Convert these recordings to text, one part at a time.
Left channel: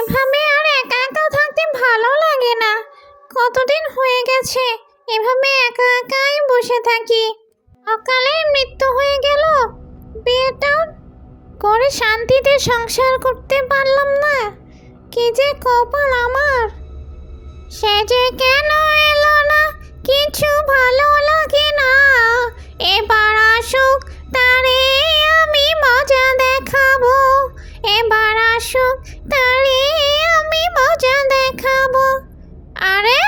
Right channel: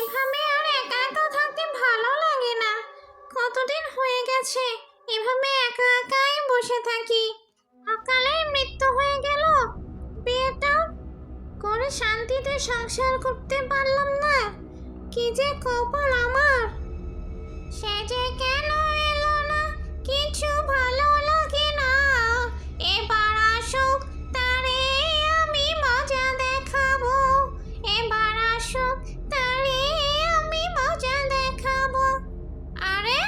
এভাবে আর একা একা থাকতে ভালো লাগে না। কতদিন হয়ে গেছে এভাবে একা একাই বসে থাকি। অকালে মৃত্যু হয়ে গেল, বিয়েটা করে শান্তিতে সংসার করতে পারলাম না। কি যে কপাল আমার। সে যে কেন এলো না, কিছু ভালো লাগে না। এবার আসুক, তারে আমি মজা দেখাবো। এবার আসুক, তারে আমি মজা দেখাবো। আরে,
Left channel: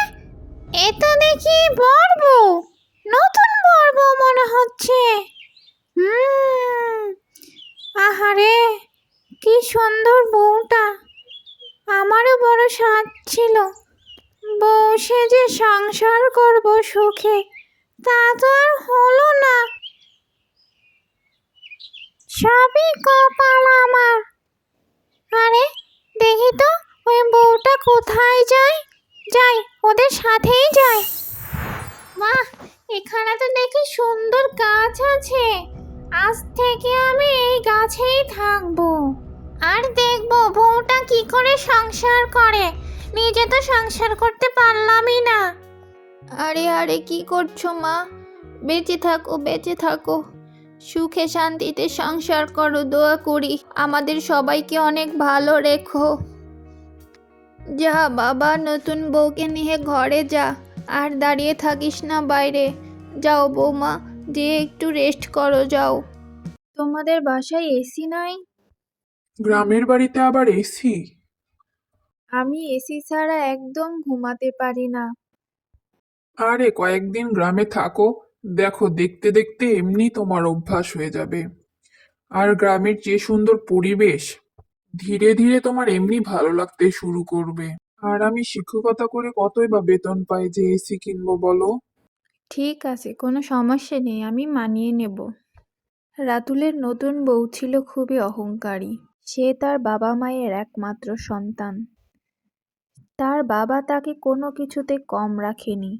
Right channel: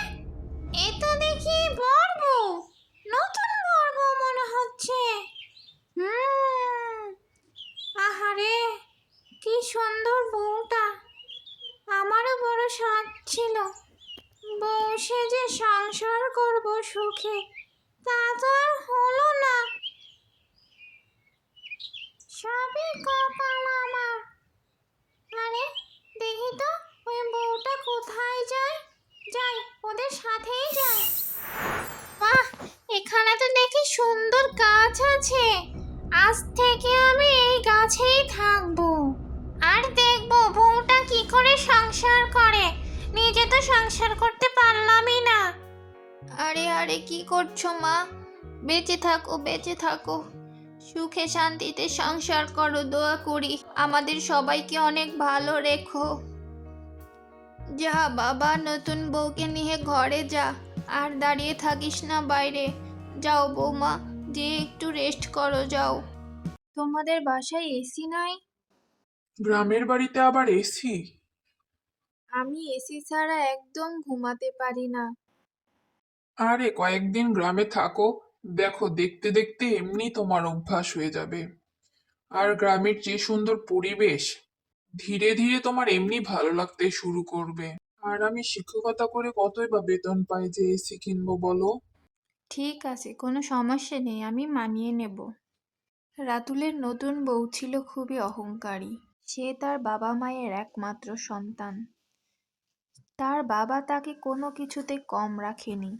এ তো দেখি বর বউ, নতুন বর বউ মনে হচ্ছে। হুম, আহারে, কি সুন্দর বউটা। আমারও বড় শখ ছিল বউ সেজে সংসার করব সুখে, তা তো আর হলো না। সবই কপাল আমার। আরে, দেখি তো ওই বউটা কোথায় যায়। যাই, ওদের সাথেই যাই। বাহ, এখানে তো দেখি সুন্দর গাছ আছে। আজ থেকে আমি এই গাছেই থাকবো। আর দেখবো বউটা কি করে সংসার করে। নিজে তো সংসার করতে পারলামই না। আরে আরে, কি করছো মা? বেঁচে থাকো, বেঁচে থাকো, সুখে শান্তিতে সংসার করো, দোয়া করি আমাদের সবাইকে অনেক ভালো রেখো। যা বাবা, নতুন বউকে নিয়ে ঘরে যা, আর দাঁড়িয়ে থাকিস না বাইরে। যাও বৌমা, যে একটু রেস্ট করো, যাও। তোমাদের বাসায় এসি নাই? গ্রামের বাড়িতে আবার এসি? আমি এসি ছাড়া একদম ঘুমাতে পারি না। আরে কয়েকদিন গ্রামে থাকো, দেখো দেখতে দেখতে এমনি তোমার অভ্যাস হয়ে যাবে। আর গ্রামের যে সুন্দর পরিবেশ, ধীরে ধীরে তোমার এমনি ভালো লাগতে শুরু করবে। আর আমি শিক্ষকতা করে কতই বা বেতন পাই যে এসি কিনবো বলো? ঠিক আছে, কোনো সমস্যা নেই, আমি মানিয়ে নেব। রাতুলের নতুন বউ ছিল খুবই অহংকারী। সে তার বাবা মায়ের একমাত্র সন্তান। তার বাবা তাকে কোনো কিছুতে কম রাখেনি।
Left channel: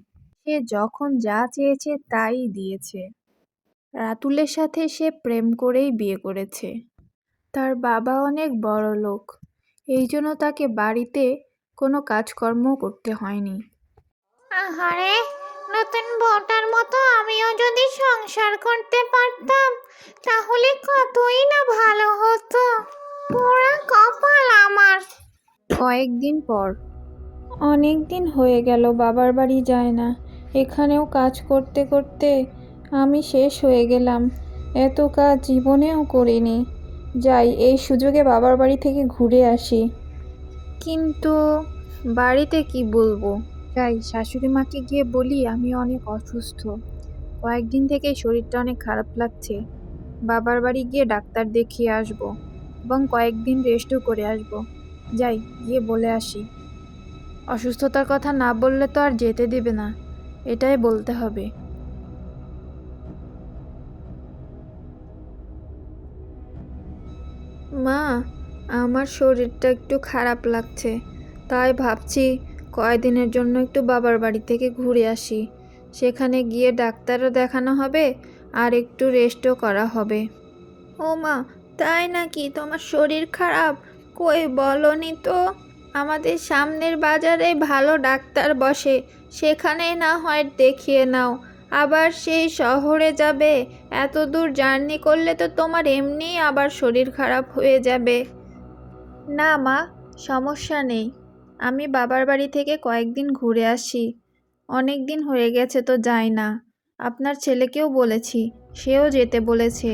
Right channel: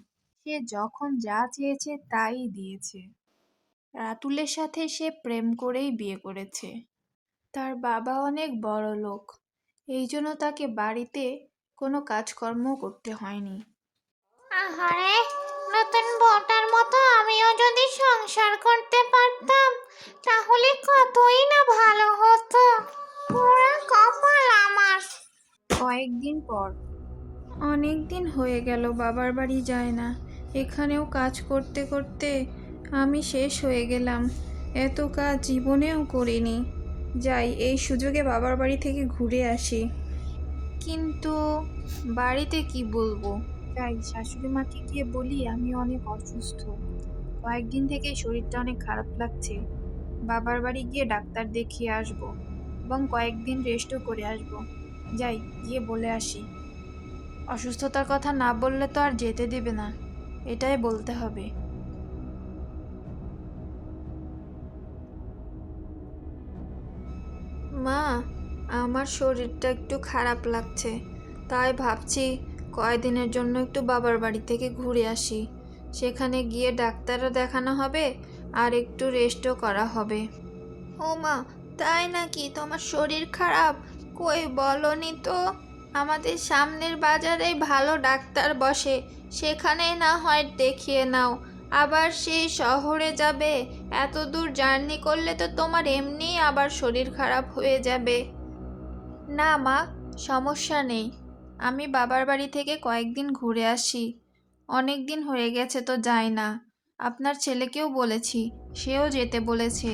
সে যখন যা চেয়েছে তাই দিয়েছে। রাতুলের সাথে সে প্রেম করেই বিয়ে করেছে। তার বাবা অনেক বড় লোক, এই জন্য তাকে বাড়িতে কোনো কাজকর্ম করতে হয়নি। আহারে, নতুন বউটার মতো আমিও যদি সংসার করতে পারতাম তাহলে কতই না ভালো হতো। পুরো কপাল আমার। কয়েকদিন পর, অনেক দিন হয়ে গেল বাবার বাড়ি যায় না। এখানেও কাজ করতে করতে আমি শেষ হয়ে গেলাম। এত কাজ জীবনেও করিনি। যাই, এই সুযোগে বাবার বাড়ি থেকে ঘুরে আসি। কিন্তু বাড়িতে কি বলবো? যাই, শাশুড়ি মাকে গিয়ে বলি আমি অনেক অসুস্থ, কয়েকদিন থেকে শরীরটা অনেক খারাপ লাগছে। বাবার বাড়ি গিয়ে ডাক্তার দেখিয়ে আসবো এবং কয়েকদিন রেস্টও করে আসবো। যাই, গিয়ে বলে আসি। অসুস্থতার কথা না বললে তো আর যেতে দেবে না, এটাই বলতে হবে। মা, আমার শরীরটা একটু খারাপ লাগছে, তাই ভাবছি কয়েকদিনের জন্য একটু বাবার বাড়ি থেকে ঘুরে আসি। সেখানে গিয়ে ডাক্তারও দেখানো হবে আর একটু রেস্টও করা হবে। ও মা, তাই নাকি? তোমার শরীর খারাপ? কই বলনি তো। আমাদের সামনের বাজারে ভালো ডাক্তার বসে, সেখানে না হয় দেখিয়ে নাও। আবার সেই শহরে যাবে? এত দূর জার্নি করলে তো তোমার এমনিই আবার শরীর খারাপ হয়ে যাবে। না মা, সমস্যা নেই, আমি বাবার বাড়ি থেকে কয়েকদিন ঘুরে আসি। অনেক দিন হয়ে গেছে তো যাই না। আপনার ছেলেকেও বলেছি, সেও যেতে বলেছে।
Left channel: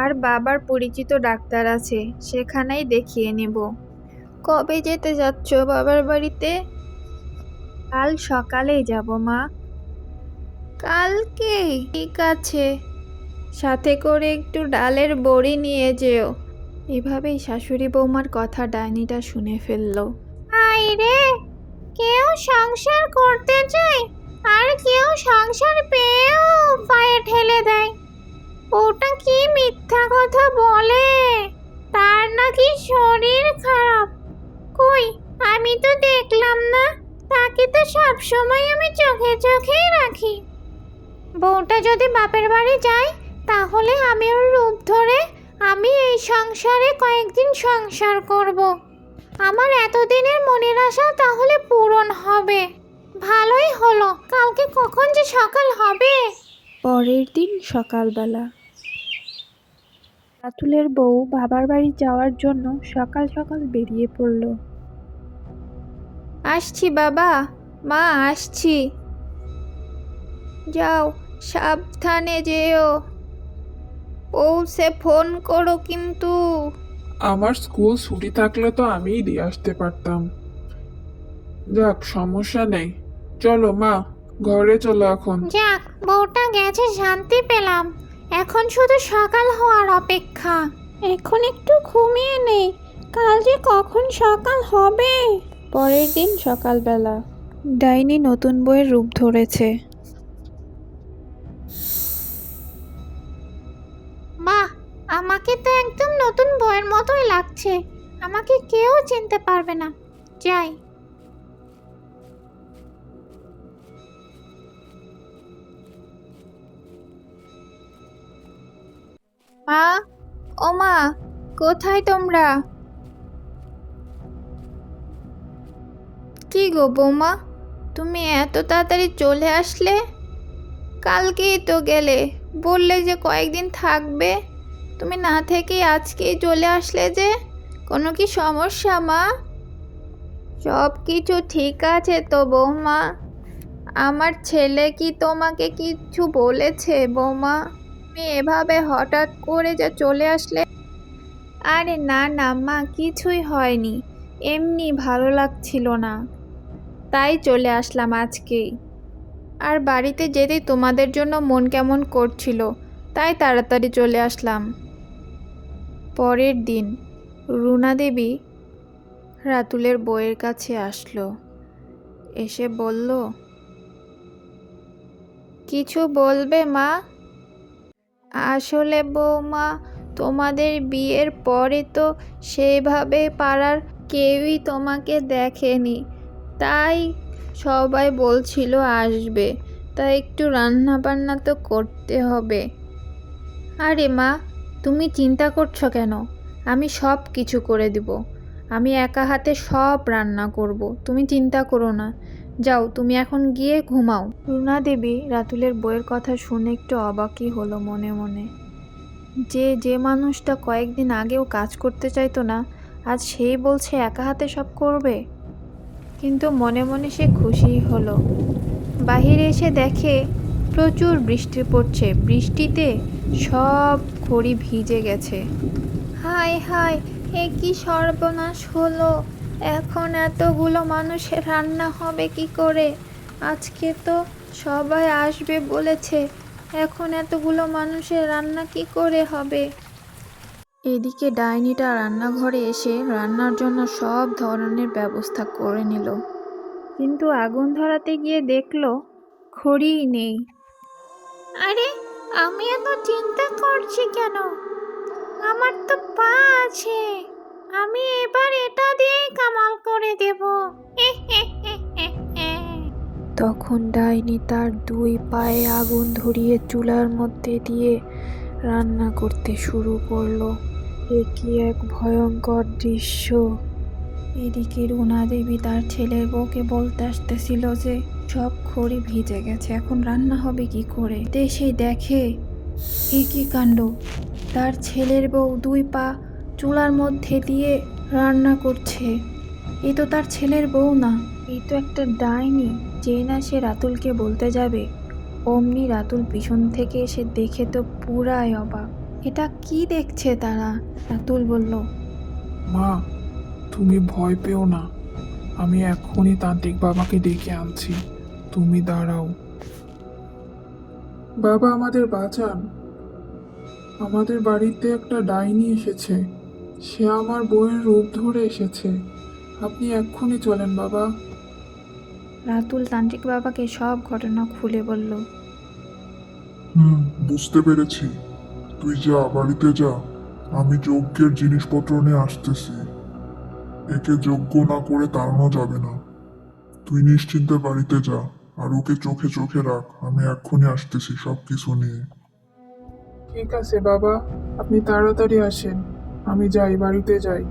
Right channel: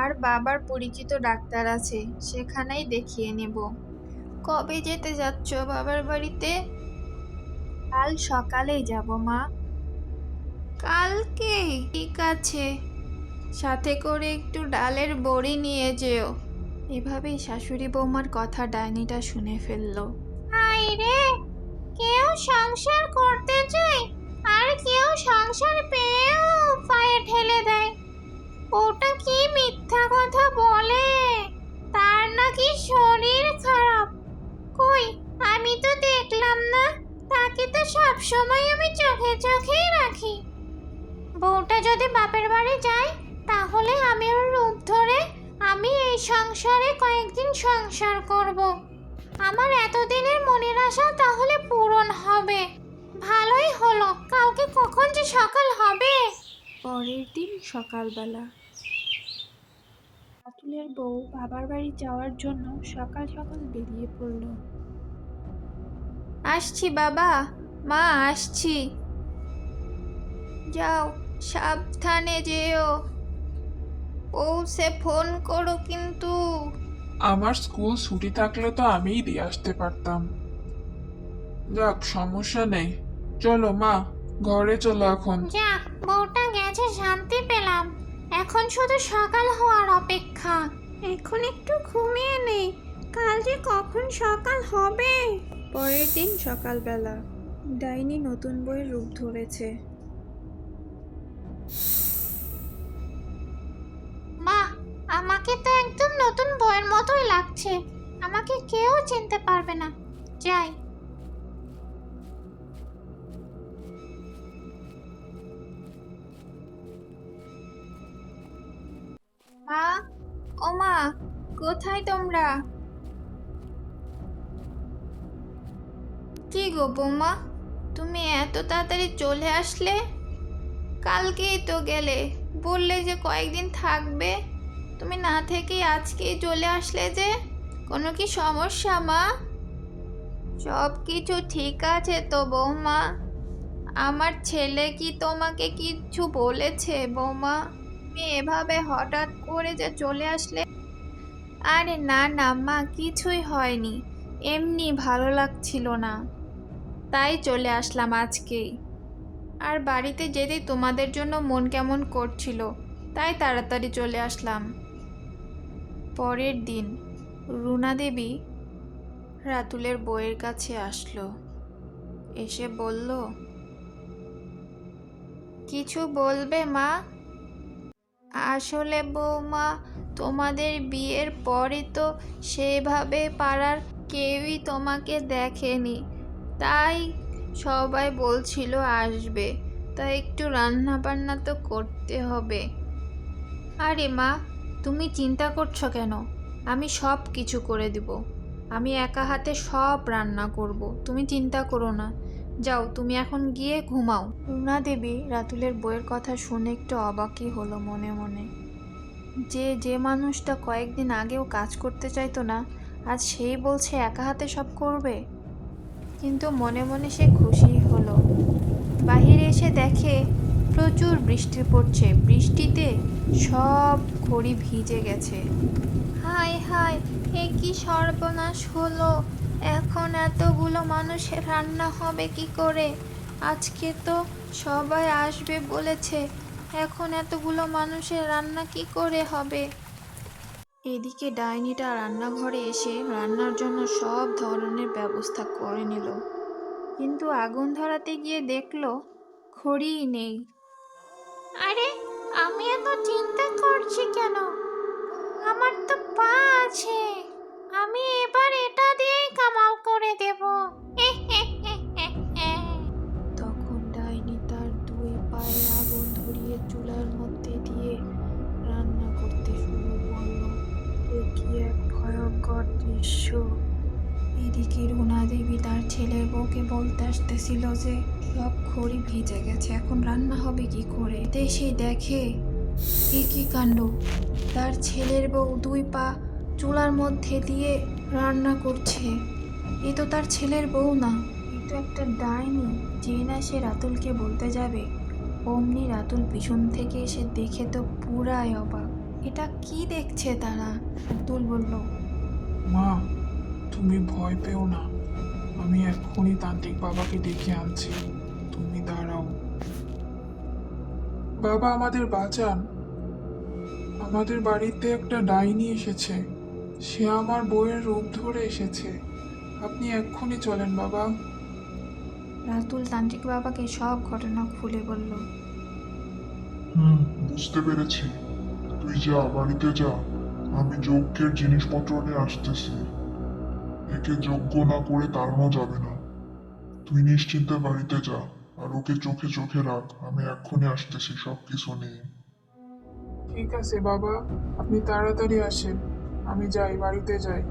আর বাবার পরিচিত ডাক্তার আছে, সেখানেই দেখিয়ে নেব। কবে যেতে যাচ্ছ বাবার বাড়িতে? কাল সকালেই যাব মা। কালকে? ঠিক আছে, সাথে করে একটু ডালের বড়ি নিয়ে যেও। এভাবেই শাশুড়ি বৌমার কথা ডাইনিটা শুনে ফেলল। আই রে, কেউ সংসার করতে চায় আর কেউ সংসার পেয়েও পায়ে ঠেলে দেয়। ওটা কি মিথ্যা কথা বলে তার নাকি শরীর খারাপ। কই, আমি তো দেখলাম না। তাকে তো সব সময় আমি চোখে চোখেই রাখি। বউটা যদি বাপের বাড়ি যায় তাহলে আমি ওর রূপ ধরে আমি এই সংসারে কয়েকদিন সংসার করব। আমার এতদিনের মনের আশা তাহলে পূরণ হবে। ভালোই হলো, কালকে কখন যে সকাল হবে। পরের দিন সকালবেলা রাতুলের বউ বাবার বাড়ি যাওয়ার জন্য সকাল সকাল বেরিয়ে পড়ল। আসছি বাবা, মা আসছি। যাও, সাবধানে যেও, পৌঁছে ফোন করো কিন্তু। আমার স্কুল ছুটি থাকলে তো আমিই দিয়ে আসতে পারতাম। যাক, সমস্যা নেই। চলো মা, ঘরে চলো এখন। যাক, বউটা গেছে, শান্তি পেলাম। এখন শুধু সকাল হওয়ার অপেক্ষা। এখন একটু ঘুমিয়ে নেই, কাল যে কখন সকাল হবে। পরের দিন সকালবেলা ডাইনি নতুন বইয়ের রূপ ধরেছে। বাহ, আমাকে তো একদম নতুন বইয়ের মতোই লাগছে। আমাকে কেউ চিনতে পারবে না। যাই। মা, ও মা, কোথায় তোমরা? কি গো বৌমা, তুমি এত তাড়াতাড়ি চলে আসলে? কালকেই তো গেলে, বললে যে কয়েকদিন থাকবে। তুমি না থেকেই আজকেই চলে আসলে যে, কোনো কি সমস্যা মা? সব কিছু ঠিক আছে তো বৌমা? আমার ছেলে কি তোমাকে কিছু বলেছে বৌমা? তুমি এভাবে হঠাৎ করে যে চলে আসলে? আরে না না মা, কিছুই হয়নি, এমনি ভালো লাগছিল না, তাই চলে আসলাম আজকেই। আর বাড়িতে যেতে তোমাদের জন্য মন কেমন করছিল, তাই তাড়াতাড়ি চলে আসলাম। পরের দিন রুনা দেবী রাতুলের বউয়ের কাছে আসলো, এসে বলল, কিছু বলবে মা? আসলে বৌমা, তোমাদের বিয়ের পরে তো সেইভাবে পাড়ার কেউই তোমাকে দেখেনি, তাই সবাই বলছিল আসবে, তাই একটু রান্না বান্না তো করতে হবে। আরে মা, তুমি চিন্তা করছো কেন? আমি সব কিছু করে দিব, আমি একা হাতে সব রান্না করব, তুমি চিন্তা করো না। যাও, তুমি এখন গিয়ে ঘুমাও। রুনা দেবী রাতুলের বইয়ের কথা শুনে একটু অবাকই হলো মনে মনে। যে মানুষটা কয়েকদিন আগেও কাজ করতে চাইতো না, আজ সেই বলছে একা হাতে সব করবে। কিন্তু মনে মনে সে খুশিই হলো। বাহিরে এসে দেখে প্রচুর বৃষ্টি পড়ছে, বৃষ্টিতে সব খড়ি ভিজে গেছে। হায় হায়, এ কি সর্বনাশ হলো! এখন এতগুলো মানুষের রান্না হবে কি করে? আজকে তো সবাই আসবে বলেছে, এখন এতগুলো মানুষের রান্না কি করে হবে? এদিকে ডাইনিটা রান্নাঘরে এসে রান্নার জন্য সব ধরনের ব্যবস্থা করে নিল, কিন্তু আগুন ধরাতে গিয়ে দেখলো খড়িই নেই। আরে, আমি এত চিন্তা করছি কেন? আমার তো পা আছে, আমি এবার এটা দিয়েই কামাল করে দেব। তখন ডাইনি তার দুই পায়ে আগুন ধরিয়ে চুলার মধ্যে দিয়ে রান্না করতে শুরু করলো। এ কি এক ভয়ঙ্কর দৃশ্য! এদিকে রুনা দেবী তার ছেলের বউকে বলতে আসতেছিল যে সব খড়ি ভিজে গেছে, এখন রান্না হবে কি করে। দেশে দেখে এ কি কাণ্ড! তার ছেলের বউ দুই পা চুলার মধ্যে দিয়ে রান্না করছে। এ তো তার ছেলের বউ না, এই তো একটা ডাইনি। যে না সে রাতুলকে বলতে যাবে, অমনি রাতুল পিছন থেকে এসে দেখে তো পুরাই অবাক। এটা কি দেখছে তারা? রাতুল বলল, মা, তুমি ভয় পেও না, আমি এখনই তান্ত্রিক বাবাকে ডেকে আনছি, তুমি দাঁড়াও। বাবা, আমাদের বাঁচান। আমাদের বাড়িতে একটা ডাইনি এসেছে, সে আমার বউয়ের রূপ ধরে এসেছে। আপনি এক্ষুনি চলেন বাবা। রাতুল তান্ত্রিক বাবাকে সব ঘটনা খুলে বলল। বুঝতে পেরেছি। তুই যা, বাড়িতে যা, আমি যজ্ঞের জিনিসপত্র নিয়ে আসতেছি। একে যজ্ঞ না করে তাড়ানো যাবে না। তুই নিশ্চিন্তে বাড়িতে যা, আর ওকে চোখে চোখে রাখ, আমি এক্ষুনি আসতেছি সব কিছু নিয়ে। ঠিক আছে বাবা, আপনি তাড়াতাড়ি আসেন, আমি যাই, বাড়িতে যাই।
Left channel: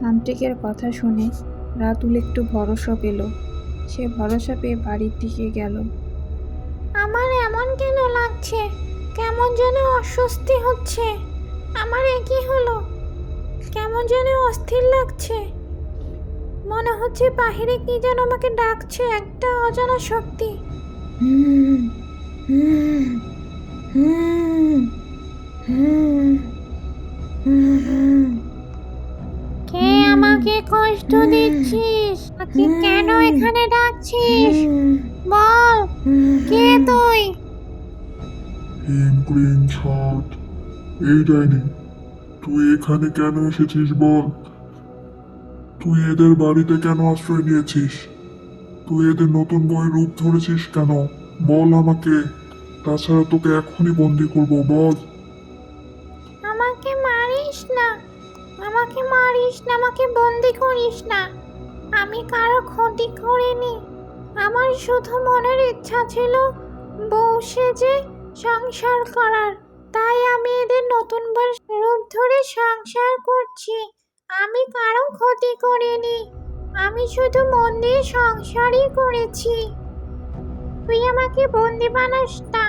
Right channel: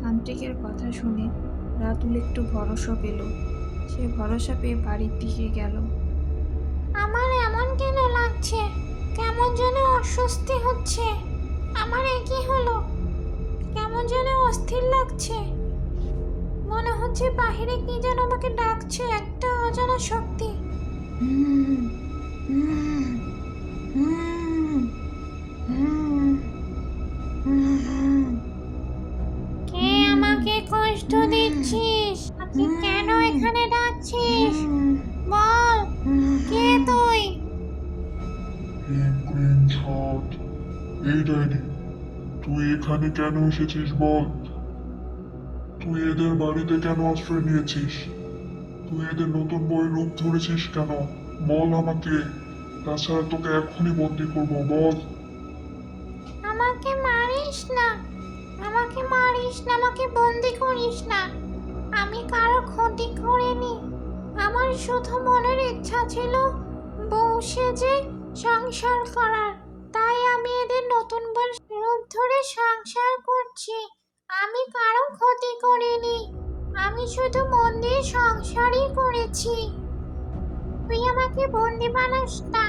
তান্ত্রিকের কথা শুনে রাতুল একটু ভরসা পেল। সে ভরসা পেয়ে বাড়ির দিকে গেল। আমার এমন কেন লাগছে? কেমন যেন অস্বস্তি হচ্ছে। আমার কি হলো? কেমন যেন অস্থির লাগছে। মনে হচ্ছে বাহিরে কি যেন আমাকে ডাকছে, একটা অজানা শক্তি। হুম হুম হুম হুম হুম কে আমাকে কষ্ট দিচ্ছিস? তুই কেন এখানে ডাকছিস? বল, কে তুই? হিম ক্রিম ছট। এই ডাইনি, তুই এখানে কেন এসেছিস বল? তুই এদের বাড়িতে কেন আশ্রয় নিয়েছিস? তুই এদের নতুন বই রূপ ধরেছিস কেন? বল আমাকে, তাছাড়া তোকে এখনই বন্দি করবো, বল। আমাকে মারিস না, আমাকে মারিস না, আমাকে বন্দি করিস না। আমি কারো ক্ষতি করিনি। আমার শুধু মনের ইচ্ছা ছিল বউ সেজে সংসার করার। তাই আমি এদের নতুন বউ রূপ ধরে সংসার করছি। আমি কারো ক্ষতি করিনি। আমি শুধু মন দিয়ে সংসারই করেছি। তুই আমাকে বন্দি বানাস না,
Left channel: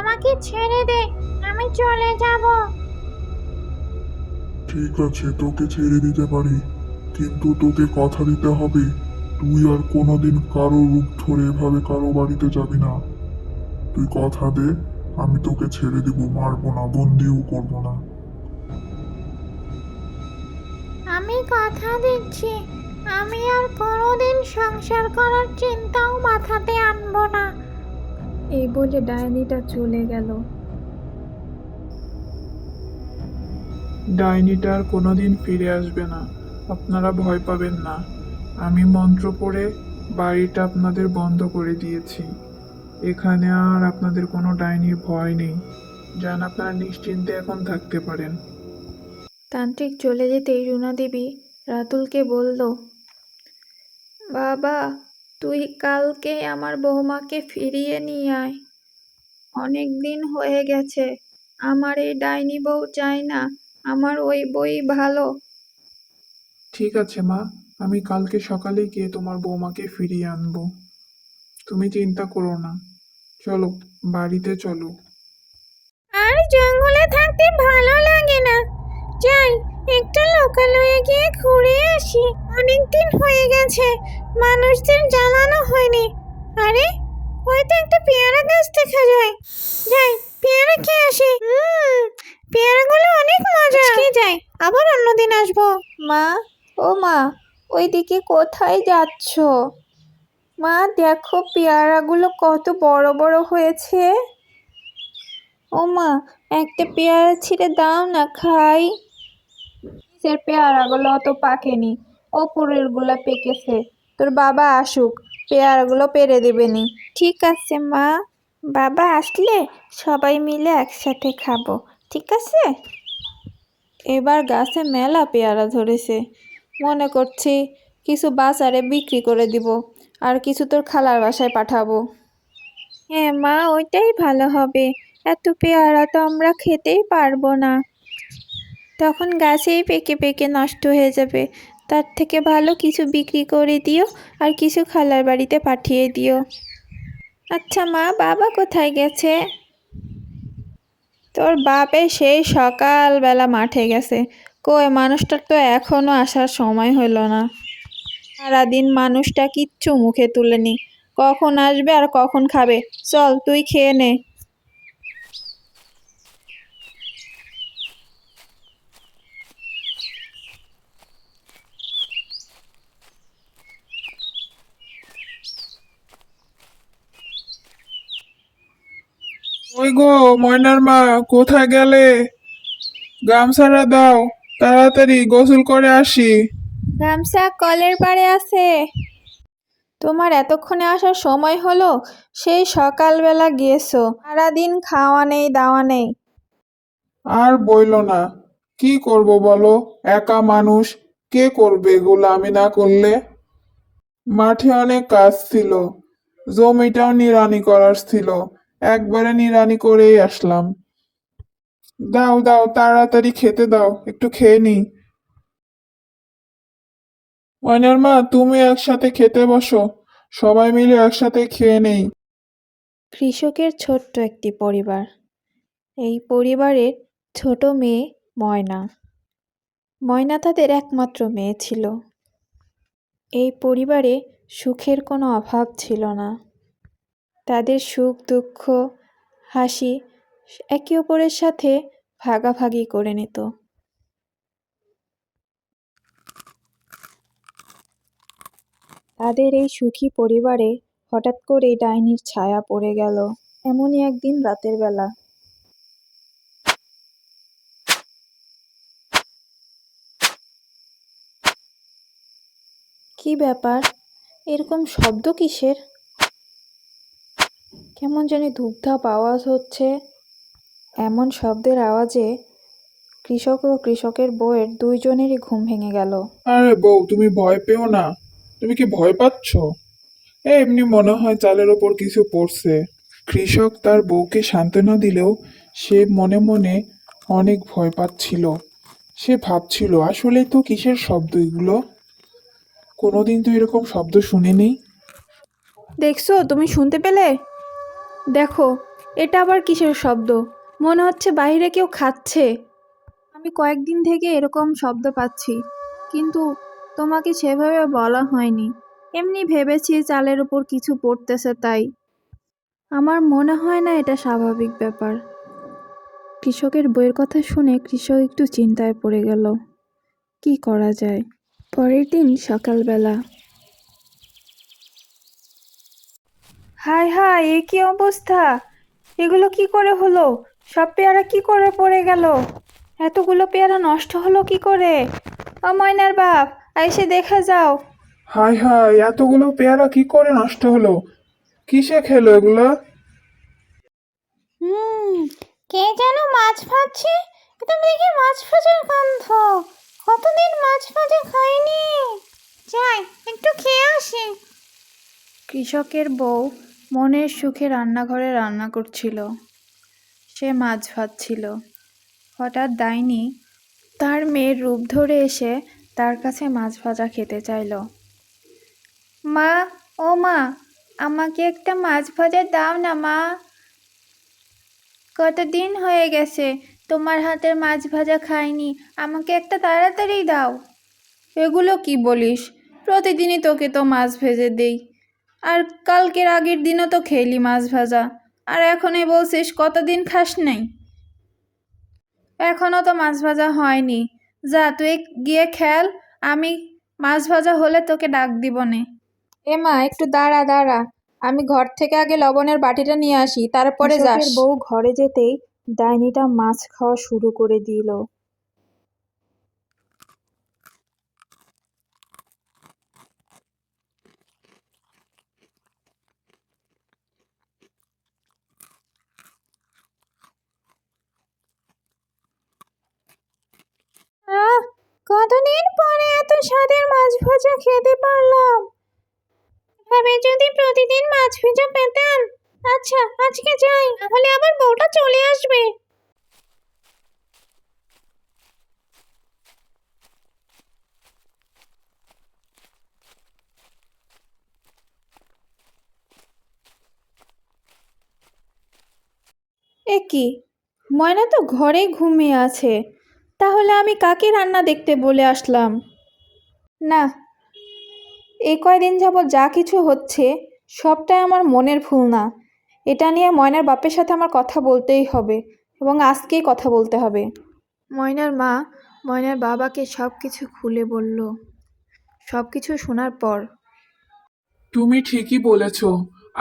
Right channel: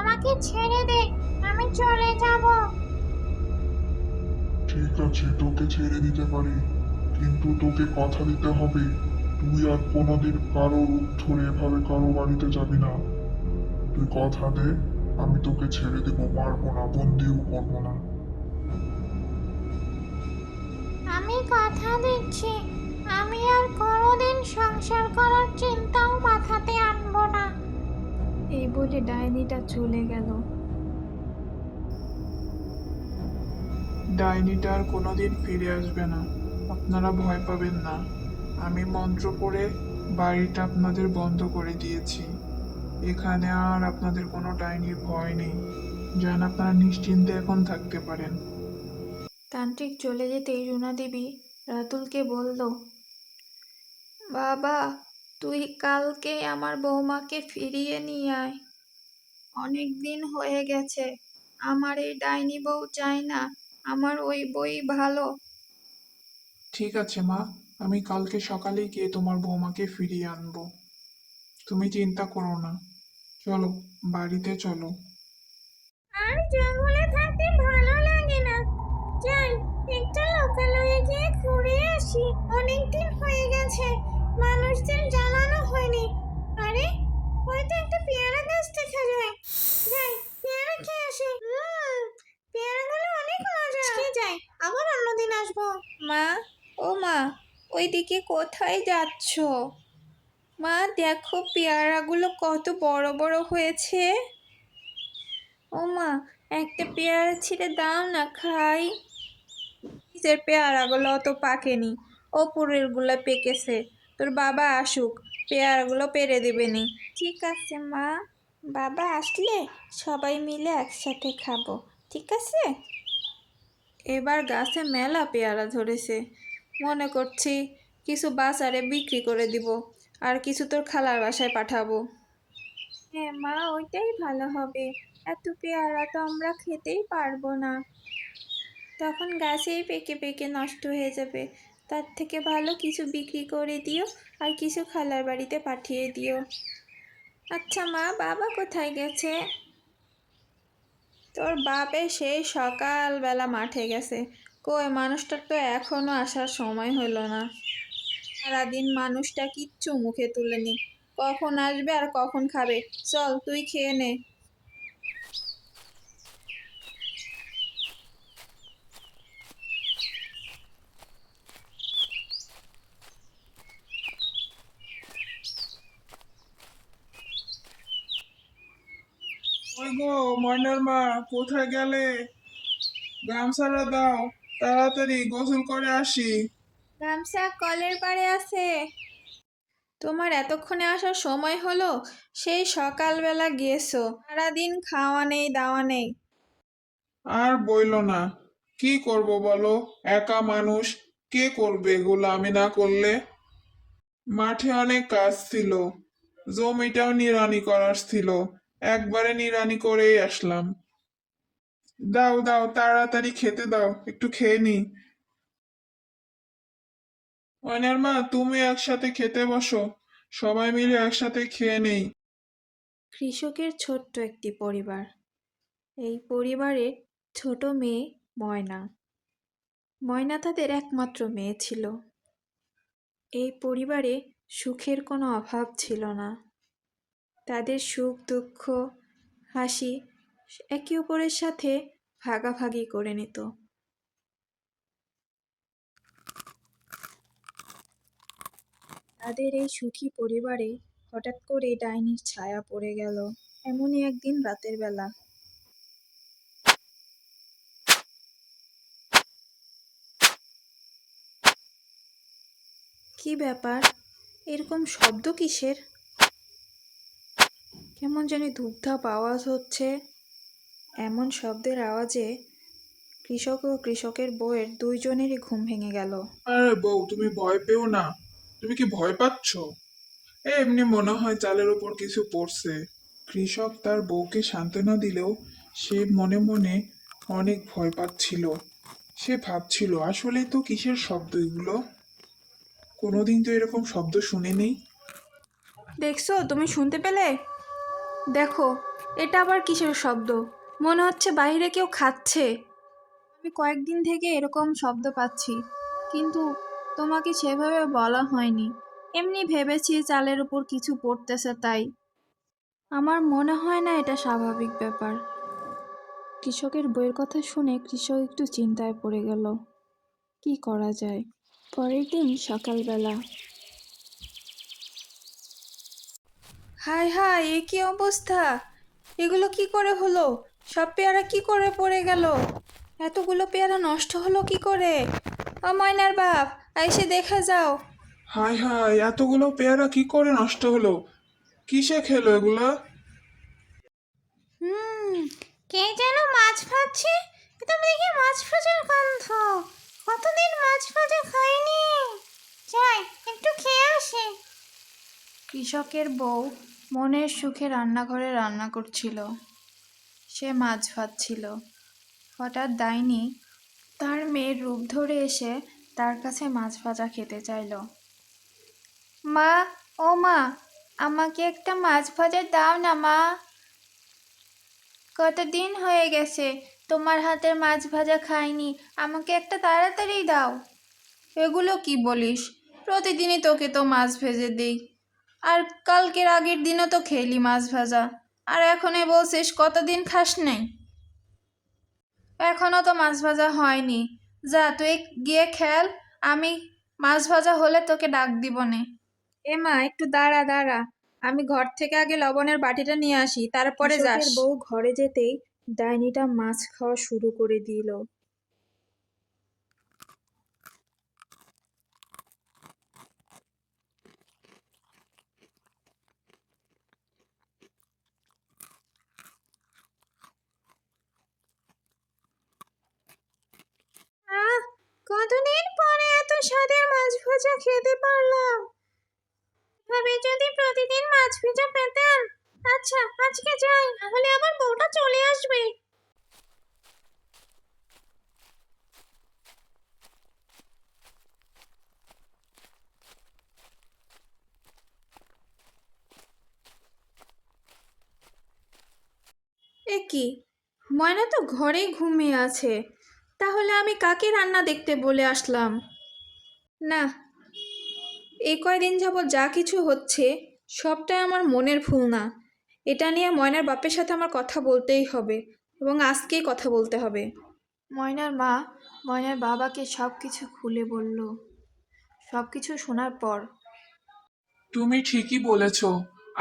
আমাকে ছেড়ে দে, আমি চলে যাব। ঠিক আছে, তোকে ছেড়ে দিতে পারি, কিন্তু তোকে কথা দিতে হবে তুই আর কোনোদিন কারো রূপ ধরে এভাবে কারো বাড়িতে যাবি না। তুই কথা দে, আমি তোকে ছেড়ে দিব, মারবো না, বন্দিও করবো না। আমি কথা দিচ্ছি, আমি আর কোনোদিন সংসার করার চিন্তাও মাথাতে আনবো না। এই বলে ডাইনিটা চলে গেল। ডাইনিটা আর কোনোদিন ফিরে আসবে না, আপনারা ভয় পাবেন না। আমি মন্ত্র পড়ে বাড়িটা আপনাদের বন্ধ করে দিয়েছি। এখানে আর আপনাদের কোনো ডাইনির ভয় নেই। যান, আপনারা নিশ্চিন্তে এখন থাকতে পারেন। তান্ত্রিক চলে যেতেই রুনা দেবী রাতুলকে বলল, বাবা, তুই কালকে আমার বৌমাকে ফিরিয়ে নিয়ে আয়। অনেক দিন হয়ে গেছে। আমার এই ডাইনি বউ চাই না, আমার ওই বই ভালো। ঠিক আছে মা, আমি কালকে সকালে গিয়ে তোমার বৌমাকে ফিরিয়ে আনবো। তুমি চিন্তা করো না। চলো, বাড়িতে চলো। আর জঙ্গলে থাকতে ভালো লাগে না। যাই, একটু লোকালয়ে গিয়ে ঘুরে আসি। অনেকদিন হয়ে গেছে, মানুষদের জ্বালানো হয়নি। আরে, ওই তো একটা পেয়ারা গাছ দেখা যায়। যাই, পেয়ারা খেয়ে আসি। পেয়ারাগুলো অনেক মজা। আজকে যাই, আবার অন্যদিন আসবো। মা, ও মা, ওইদিকে কোথায় যাচ্ছ? মা, দেখো পেয়ারাগুলো কত বড় বড় হয়েছে। ও মা, একটা পেয়ারা ছিঁড়ে দাও না, খাই। নিচের পেয়ারাগুলো অত পাকেনি, ওপরের গুলা পেকেছে। তোর বাবা আসুক, পেয়ারাগুলো পেরে দেবেনি। ঠিক আছে মা, বাবা আসলে সবাই মিলে একসাথে খাবো, ঠিক আছে? এবার গাছে মেলা পেয়ারা ধরেছে। মনে করছি কিছু বাজারে বিক্রি করে দিব, আর কিছু তোর খালার বাসায় পাঠাবো। হ্যাঁ মা, ওইটাই ভালো হবে। এত পেয়ারা তো আমরা খেতেই পারবো না, তখন গাছেই পেকে পেকে নষ্ট হয়ে যাবে। তার থেকে ভালো কিছু বিক্রি করে দিও, আর কিছু খালার বাড়িতে পাঠিয়ে দিও। আচ্ছা মা, বাবা কোথায় গেছে? তোর বাপে সেই সকালবেলা মাঠে গেছে। কই, মানুষটার তো এখনো আসার সময় হলো না। সারাদিন মানুষটা কিচ্ছু মুখে তুলেনি, কখন আসবে আর কখন খাবে। চল, তুই খেয়ে নে। ওই গো, ময়নার মা, কোথায় গেলে? গামছাটা দাও, তাড়াতাড়ি গোসল করে আসি। গামছা কলের পাড়ে আছে। তোমার এতক্ষণে আসার সময় হলো? সেই সকালবেলা গিয়েছো, সারাদিন খাওয়া নেই দাওয়া নেই। আর বইলো না, কি করব বলো, একা মানুষ, কে করবে এগুলো আমি না করলে? মাঠে অনেক কাজ ছিল, জমিটাও নিড়ানি করার ছিল, একবারে নিড়ানি করেই আসলাম। দাও দাও, তাড়াতাড়ি খেতে দাও, একটু খেয়ে নি। ময়নার মা, তুমি একসাথে খেতে বসো, সবাই মিলে একসাথে খেয়ে নেই। কৃষকের ছোট্ট একটি পরিবার। এই পরিবারের ছোট মেয়ে ময়না। ময়না তাদের একমাত্র মেয়ে ছিল। এই পরিবারে সুখের কোনো অভাব ছিল না। তাদের সুখ দুঃখ হাসি একে অপরের সাথে ভাগাভাগি করে নিত। তাদের এই সুখী পরিবারে হঠাৎ করে ডাইনির ছায়া পড়ে গেল। এমনই একদিন রাতের বেলা। কি ব্যাপার, এরকম শব্দ কিসের? কেমন জানি ধূপধাপ আওয়াজ হচ্ছে। এমন শব্দের আওয়াজে কৃষক ও কৃষকের বউয়ের দুইজনেরই ঘুম ভেঙে গেল। আরে বউ, তুমি ভয় পেও না। তুমি কি ভয় পাচ্ছ? এমনি মনে হয় চালের ওপর কিছু পড়ছে। কৃষক তার বউকে সান্ত্বনা দিলেও সে মনে মনে অনেক ভয় পাচ্ছিল। সে ভাবছিল, আসলে তো কিসের শব্দ এগুলো? কোনোদিন তো এরকম শব্দ শুনিনি। দেখছো, তুমি শুনতে পেলে? দেখো, এটা আবার কিসের শব্দ? মনে হচ্ছে বাইরে কেউ খাচ্ছে। আমি কয়েকদিন থেকে এরকম শব্দ পাচ্ছি, কিন্তু তোমাকে সেভাবে বলা হয়নি। এমনি ভেবেছি চালের উপর কিছু পড়তেছে তাই। আমার মনে হয় না এটা স্বাভাবিক ব্যাপার। কৃষকের বইয়ের কথা শুনে কৃষক একটু চিন্তায় পড়ে গেল। কি করা যায়? পরের দিন সকালবেলা। হায় হায়, এ কি অবস্থা! এগুলো কি করে হলো? সব পেয়ারা কি করে পড়ে গেল? এতগুলো পেয়ারা নষ্ট হলো কি করে? ও ময়নার বাপ, এসে দেখে যাও। হায় হায়, এতগুলো পেয়ারা কি করে নষ্ট হলো? কিসে খেলো এগুলো? হুম, কে যেন মাছ ভাজছে। এটা দেখি মাছ ভাজার গন্ধ। কতদিন মাছ ভাজা খাইনি। যাই, একটু খেয়ে আসি। কৃষকের বউ মনের সুখে রান্নাঘরে রান্না করছিল। সে মাছ ভাজছিল। হঠাৎ ডাইনি তার মেয়ের রূপ ধরে এসে তার কাছে মাছ ভাজা খেতে চাইল। মা, ও মা, আমাকে একটা মাছ ভাজা দাও না মা। কতদিন হয়ে গেছে তোমার হাতের মাছ ভাজা খাইনি, আমাকে একটা তাড়াতাড়ি দাও। এগুলো কি বলিস? প্রতিদিনই তোকে তো মাছ ভেজে দেই, আর কালকের আগের দিনও তো খেলি মাছ ভাজা, আর এখনই বলছিস কতদিন খাস নাই। এখনও তো মাছ ভাজা হয়নি। যা তুই গিয়ে খেল, আমি মাছ ভাজা হলে তোকে ডাক দিব নে। মা, একটু দাঁড়া দাঁড়া, আমি ঘর থেকে আগে লবণের বাটিটা নিয়ে আসি, তারপরে যাস। কৃষকের বউ ঘরে যেতেই ডাইনিটা মাছ খাওয়া শুরু করে দিল। আহ, কতদিন পরে এত স্বাদের মাছ ভাজা খেতে পারলাম। এভাবে যদি প্রতিদিন মাছ ভাজা পেতাম। আচ্ছা, আজকে যাই, নাহলে আমার বউটা চলে আসবে। এ কি, ময়না তো ঘরেই ঘুমিয়ে আছে। তাহলে আমি কাকে রান্না দেখতে বলে আসলাম? না, এই কয়দিন যাবৎ যা কিছু হচ্ছে সবটাই আমার মনের ভুল না। এটা নিয়ে ময়নার বাপের সাথে আমার কথা বলতেই হবে, এবং আজকেই কথা বলতে হবে। ময়নার মা ময়নার বাবাকে সব কিছু খুলে বলল। সব কিছু শোনার পর তুমি ঠিকই বলেছ।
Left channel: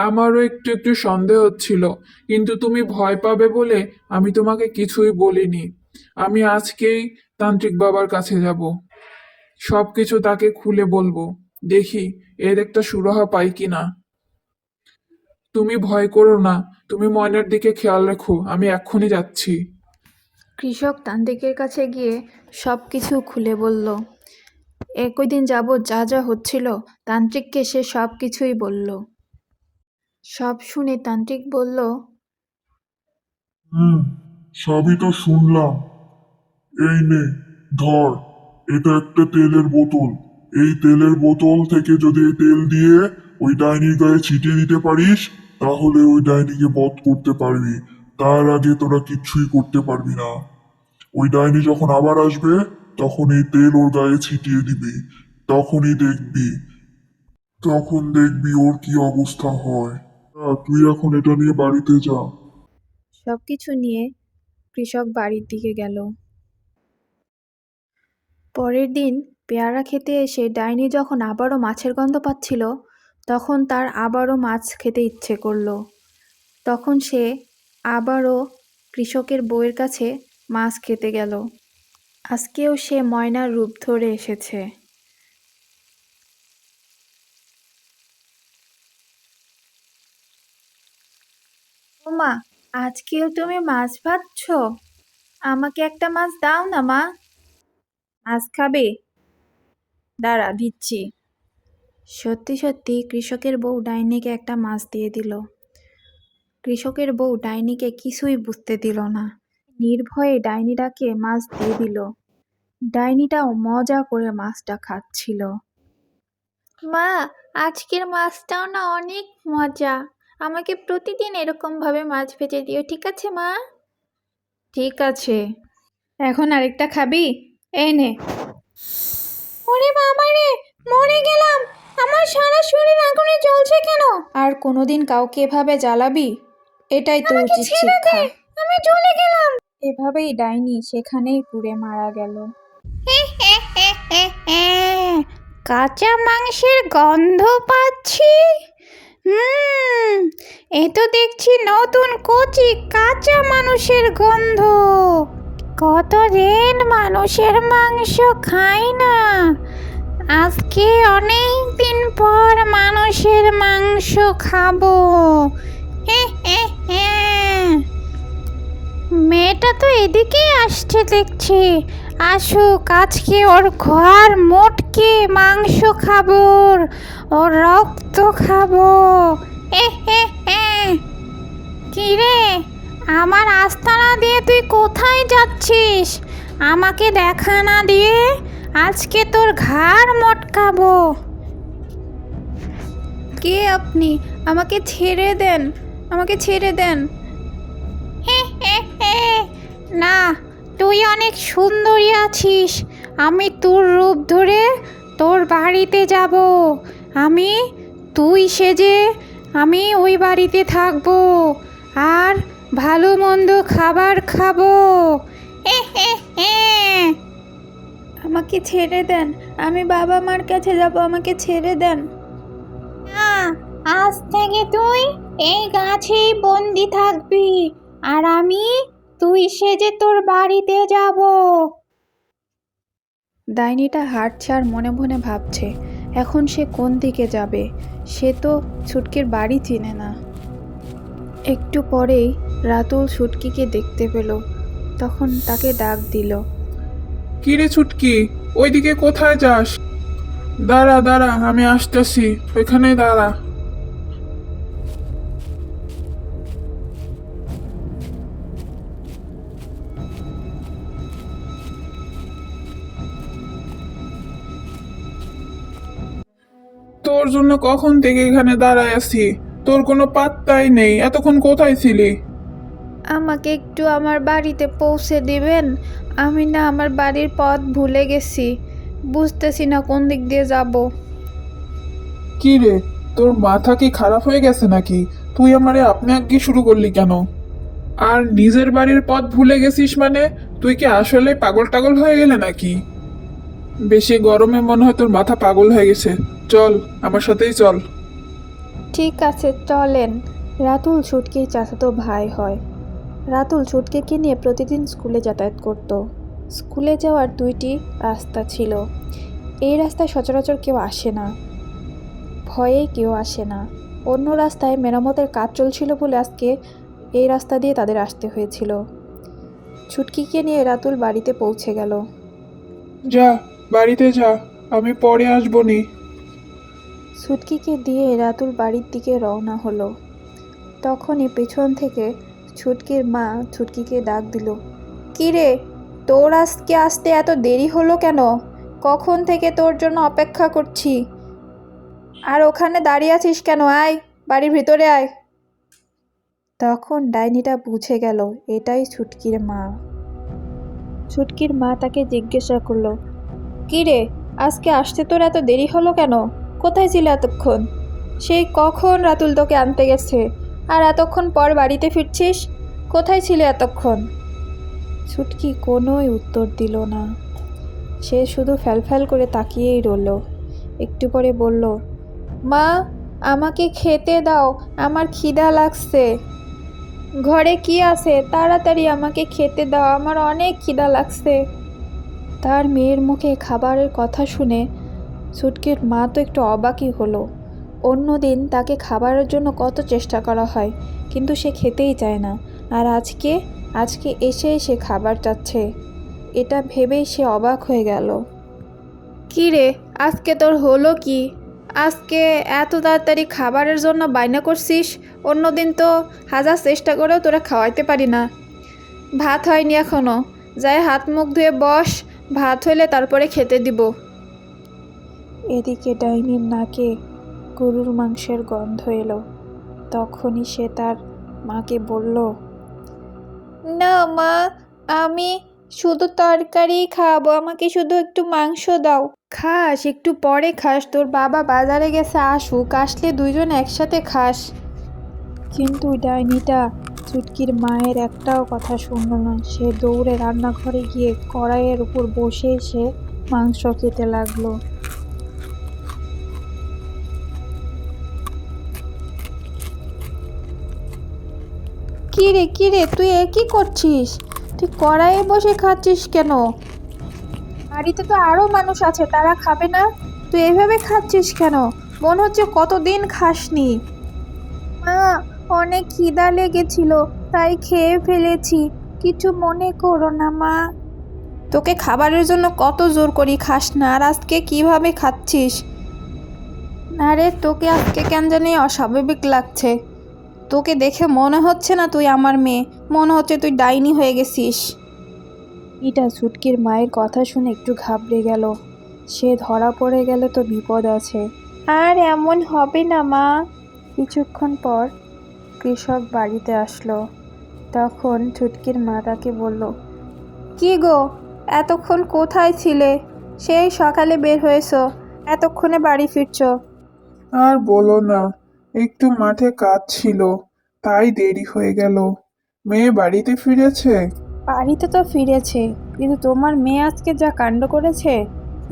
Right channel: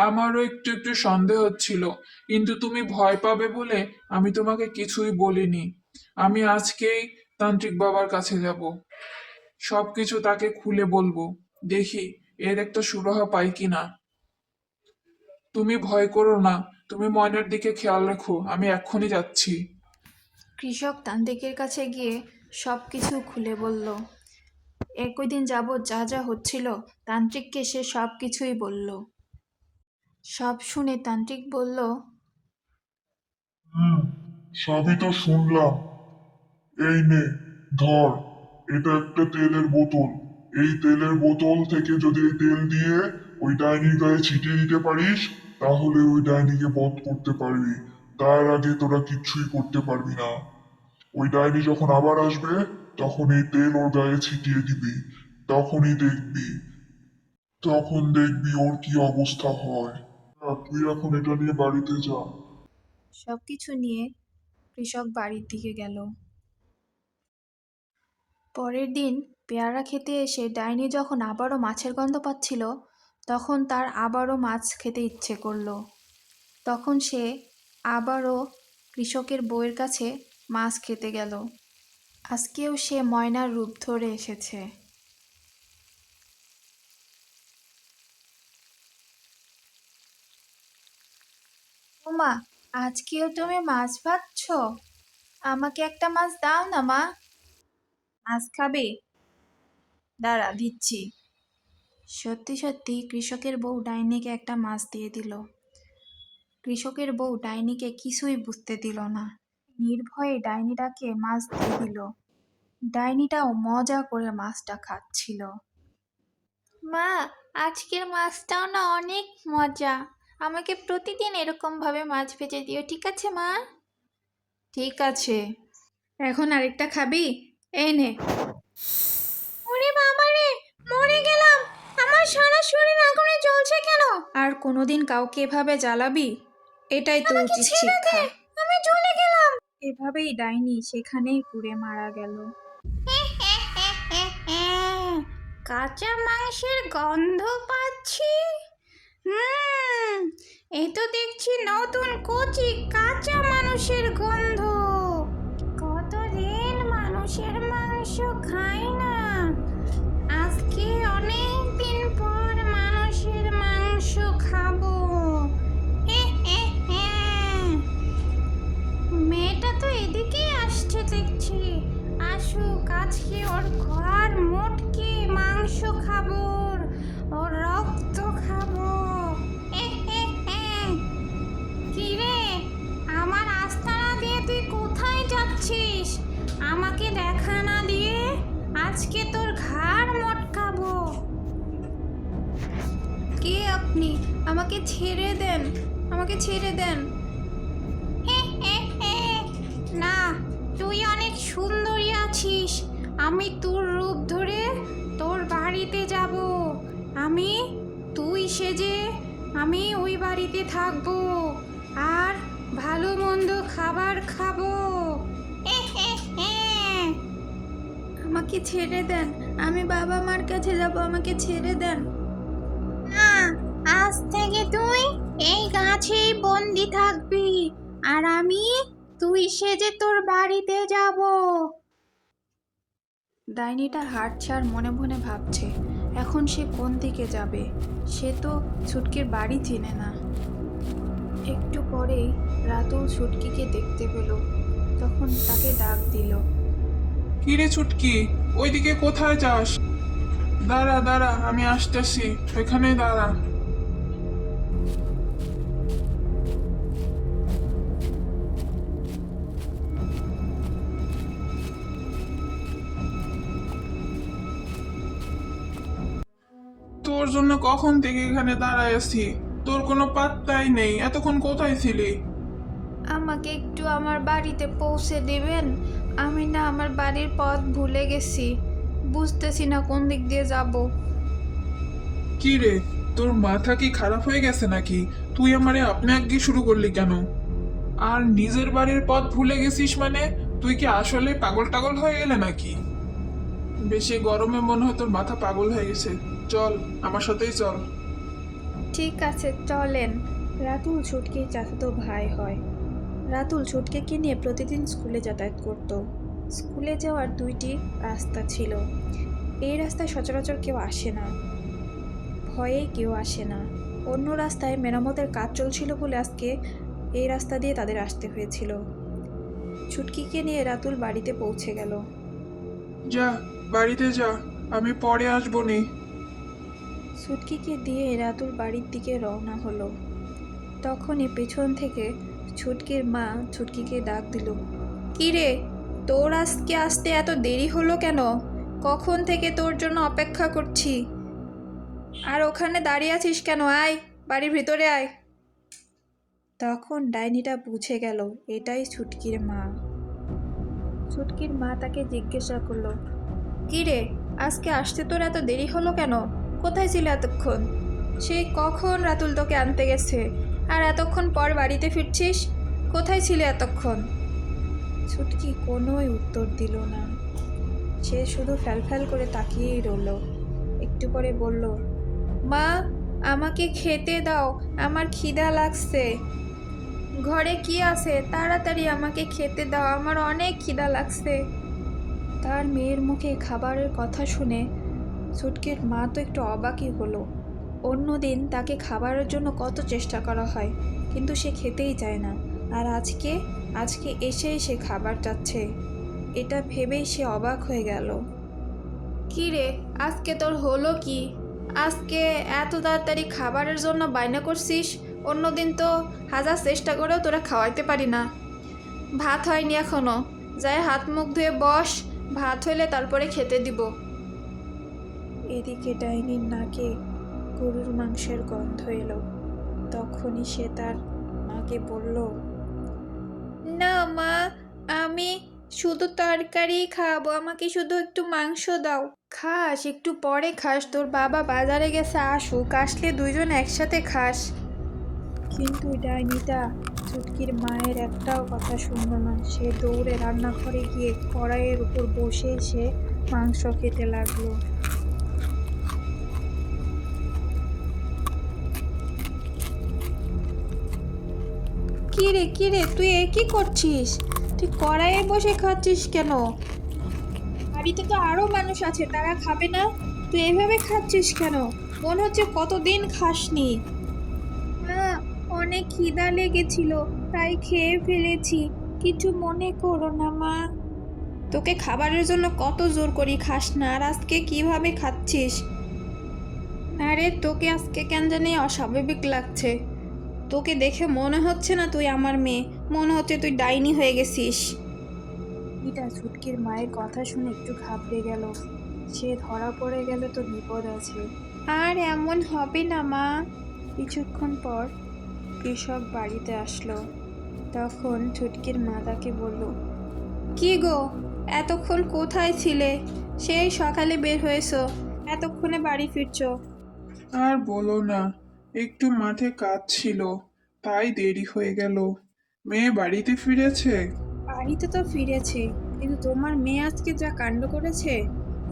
আমারও একটু একটু সন্দেহ হচ্ছিল, কিন্তু তুমি ভয় পাবে বলে আমি তোমাকে কিছুই বলিনি। আমি আজকেই তান্ত্রিক বাবার কাছে যাব, সবকিছু তাকে খুলে বলবো। দেখি এর একটা সুরাহা পাই কিনা। তুমি ভয় করো না, তুমি ময়নার দিকে খেয়াল রাখো, আমি এক্ষুনি যাচ্ছি। কৃষক তান্ত্রিকের কাছে গিয়ে সব কিছু খুলে বলল। একই দিন যাবৎ যা যা হচ্ছিল তান্ত্রিককে সে সব কিছুই বলল। সব শুনে তান্ত্রিক বলল, হুম, সবই তো শুনলাম। এই নে, ধর, এটা একটা তেলের বোতল। এই তেলের বোতল থেকে যদি এই তেল দিয়ে ওই ডাইনির গায়ে ছিটিয়ে দিতে পারিস, তাহলে ওই ডাইনিকে বধ করতে পারবি। তার আগে তোরা কিচ্ছুই করতে পারবি না। ওই ডাইনি যখন আবার আসবে, তখন এই তেল ওর গায়ে ছিটিয়ে দিবি। তখন দেখবি ওর কি অবস্থা হয়। তুই এখন এটা নিয়ে বাড়িতে যা। সব কিছু নিয়ে কৃষক বাড়ির দিকে গেল। পরের দিন পেয়ারা খেতে এসে ডাইনি যখন আবারও মাছের গন্ধ পাচ্ছিল, তখন তার আবারও মাছ খেতে ইচ্ছে করলো। তখন সে আবারও কৃষকের বউয়ের কাছে মাছ খেতে গেল। আজকেও সে ময়নার রূপ ধরে এসেছে। ও মা, আজকেও তুমি মাছ ভাজছো? আমাকে একটা মাছ দাও না মা। মাছ খাবে? দাঁড়া, দিচ্ছি। সত্যি সত্যি কৃষকের বউ ডাইনিকে একটা মাছ দিয়ে দিল। কৃষকের বউ ডাইনিকে কিছুই বুঝতে দিল না, নির্ভয়ে ডাইনিটাকে মাছ দিয়ে দিল। ডাইনিটাও মজা করে মাছটা খাচ্ছিল। মা, আজকের মাছটাও না অনেক মজা। আমাকে প্রতিদিন এরকমভাবে মাছ ভেজে দিও, ঠিক আছে মা? ঠিক আছে। এখন আরেকটা খাবি? এই নে। ওরে বাবা রে, মরে গেলাম। আমার সারা শরীর আগুনে জ্বলছে কেন? আর কোনোদিন কাউকে এভাবে জ্বালাবি? এটাই তো আমাকে উচিত ছেড়ে দে, শিক্ষা। আমি জ্বলে গেলাম। এভাবেই ডাইনি সেখানেই পুড়ে মারা গেল। কাঁচা মাংসের গন্ধ পাচ্ছি। এ তো দেখছি নতুন কচি কাঁচা মানুষের গন্ধ। কতদিন মানুষের মাংস খাই না, আজকে অনেক দিন পর মানুষের মাংস খাবো। মেয়েটা তো এদিকেই আসছে দেখছি। আসুক, আজকে ওর ঘর মোটকে মাংস খাবো, ওর রক্ত খাবো। কি রে, আমার আস্তানা দিয়ে তুই কোথায় যাচ্ছিস? আমাকে দেখা না দিয়ে আজকে তোর ঘাড় মটকাবো। কে আপনি? আমাকে ছেড়ে দেন, আমাকে ছেড়ে দেন। না, তুই অনেক সুন্দরী আছিস। আমি তোর রূপ ধরে তোর বাড়িতে যাব। তুই সেজে আমি ওই বাড়িতে থাকবো আর ভালো মন্দ খাবার খাবো। আমাকে ছেড়ে দেন, আমি বাবা মার কাছে যাব, আমাকে ছেড়ে দেন। না, আজ থেকে তুই এই গাছেই বন্দি থাকবি আর আমি তুই সেজে তোর বাড়িতে যাব। ডাইনিটা হাঁটছে আর মনে মনে ভাবছে, এখন সে কোন দিকে যাবে? সে তো ছুটকির বাড়ি চিনে না। একটু পরেই রাতুল ছুটকিকে দেখতে পেল, তখন তাকে ডাক দিল। কি রে ছুটকি, ওইদিকে কোথায় যাস? দাঁড়া দাঁড়া, আমি আসতেছি, ওইখানেই দাঁড়া। তোর জন্য কখন থেকে এখানে দাঁড়ায় আছি, তোর কোনো পাত্তাই নেই। এতক্ষণ কোথায় ছিলি? আমাকে একটু আমার বাড়িতে পৌঁছে দিবেন? আমি না আমার বাড়ির পথ ভুলে গেছি, বুঝতেছি না কোন দিক দিয়ে যাব। কি রে, তোর মাথা কি খারাপ হয়ে গেছে নাকি? তুই আমারে আপনি আগে শুরু করলি কেন? আর নিজের বাড়ির পথ ভুলে গেছিস মানে? তুই কি আসলে পাগল টাগল হয়ে গেলে নাকি? বেশি গরমে মনে হয় তোর মাথা পাগল হয়ে গেছে। চল, আমার সাথেই চল। ঠিক আছে, চলেন। রাতুল ছুটকির চাচাতো ভাই হয়। রাতুল ছুটকিকে নিয়ে প্রতিদিন স্কুলে যাতায়াত করত। স্কুলে যাওয়ার দুইটি রাস্তা ছিল। এই রাস্তায় সচরাচর কেউ আসে না, ভয়ে কেউ আসে না। অন্য রাস্তায় মেরামতের কাজ চলছিল বলে আজকে এই রাস্তা দিয়ে তাদের আসতে হয়েছিল। ছুটকিকে নিয়ে রাতুল বাড়িতে পৌঁছে গেল। যা, বাড়িতে যা, আমি পরে আসবো নি। ছুটকিকে দিয়ে রাতুল বাড়ির দিকে রওনা হলো। তখনই পেছন থেকে ছুটকির মা ছুটকিকে ডাক দিল। কি রে, তোর আজকে আসতে এত দেরি হলো কেন? কখন থেকে তোর জন্য অপেক্ষা করছি। আর ওখানে দাঁড়িয়ে আছিস কেন? আয়, বাড়ির ভিতরে আয়। তখন ডাইনিটা বুঝে গেল এটাই ছুটকির মা। ছুটকির মা তাকে জিজ্ঞাসা করলো, কি রে, আজকে আসতে তোর এত দেরি হলো কেন? কোথায় ছিল এতক্ষণ? সেই কখন রাতুল তোকে আনতে গেছে, আর এতক্ষণ পর বাড়িতে ফিরছিস? কোথায় ছিলে এতক্ষণ? ছুটকি কোনোই উত্তর দিল না। সে শুধু ফ্যালফ্যাল করে তাকিয়েই রইল। একটু পরে বলল, মা, আমাকে খেতে দাও, আমার খিদা লাগছে। ঘরে কি আছে? তাড়াতাড়ি আমাকে খেতে দাও, আমার অনেক খিদা লাগছে। তার মেয়ের মুখে খাবারের কথা শুনে ছুটকির মা তো একটু অবাকই হলো। অন্যদিন তাকে খাবারের জন্য কত চেষ্টা করা হয়, কিন্তু সে খেতেই চায় না। আর আজকে এসে সে খাবার চাচ্ছে। এটা ভেবেই সে অবাক হয়ে গেল। কি রে, আজকে তোর হলো কি? আজকে এত তাড়াতাড়ি খাবারের জন্য বায়না করছিস? অন্যদিন তো হাজার চেষ্টা করেও তোরা খাওয়াইতে পারি না। ভাত হয়নি এখনো, যাই হাত মুখ ধুয়ে বস, ভাত হইলে তারপরে খেতে দিব। এদিকে ডাইনির নাকে গরুর মাংসের গন্ধ এলো। তখনই সে তার মাকে বলল, না মা, আমি শুধু তরকারি খাবো, আমাকে শুধু একটু মাংস দাও। খাস, একটু পরে খাস, তোর বাবা বাজারে গেছে, আসুক, আসলে দুইজন একসাথে খাস। কিন্তু ডাইনিটা ছুটকির মায়ের একটাও কথা শুনল না। সে দৌড়ে রান্নাঘরে গিয়ে কড়াইয়ের উপর বসে সে মাংস খেতে লাগলো। কি রে, তুই এ কি করছিস? তুই কড়াইয়ে বসে খাচ্ছিস কেন? বাড়িতে তো আরো মানুষ আছে, তারা খাবে না? তুই এইভাবে খাচ্ছিস কেন? মনে হচ্ছে কতদিন খাসনি। মা, অনেক খিদা লেগেছিল, তাই খেয়ে ফেলেছি, কিছু মনে করো না মা। তোকে খাবারের জন্য কত জোর করি, খাস না, আর আজকে কিভাবে খাচ্ছিস? আরে তোকে আজকে কেন জানি অস্বাভাবিক লাগছে। তোকে দেখে মনে হচ্ছে না তুই আমার মেয়ে, মনে হচ্ছে তুই ডাইনি হয়ে গেছিস। এটা ছুটকির মায়ের কথা শুনে একটু ঘাবড়ে গেল। সে ধরা পড়ে গেলে তো বিপদ আছে। আর এমন হবে না মা। কিছুক্ষণ পর কৃষক বাড়িতে আসলো। তখন ছুটকির মা তাকে বলল, কি গো, এতক্ষণ কোথায় ছিলে? সেই সকালে বের হয়েছো, এতক্ষণে বাড়ি ফিরছো? আর বলো না, একটু মাঠে কাজ ছিল, তাই দেরি হয়ে গেল। মেয়ে বাড়িতে ফিরেছে? বাড়িতে তো ফিরেছে, কিন্তু তোমার মেয়ে আজকে যা কাণ্ড করেছে,